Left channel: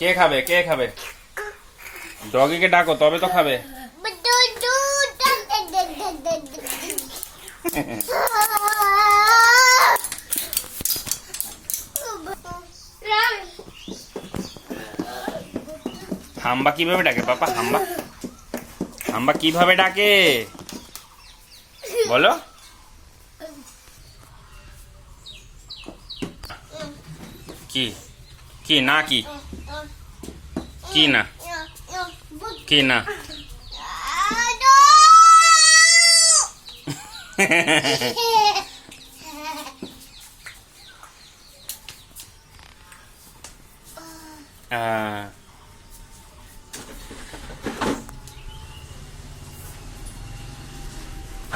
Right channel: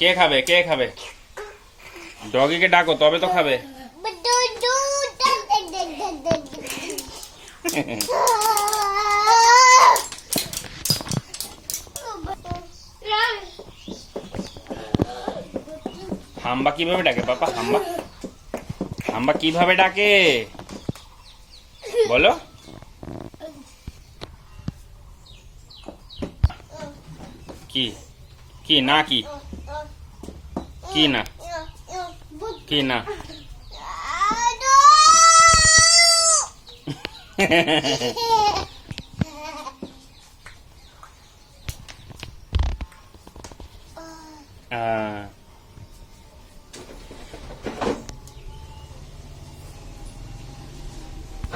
কে খাবে, কে খাবে? ডগিকে ডাকো তবে তো খাবে। হাম্বা কিভাবে ডাকে পাপা? হাম্বা হাম্বা কিভাবে ডাকে বলো? কি কি না কি কি না কি না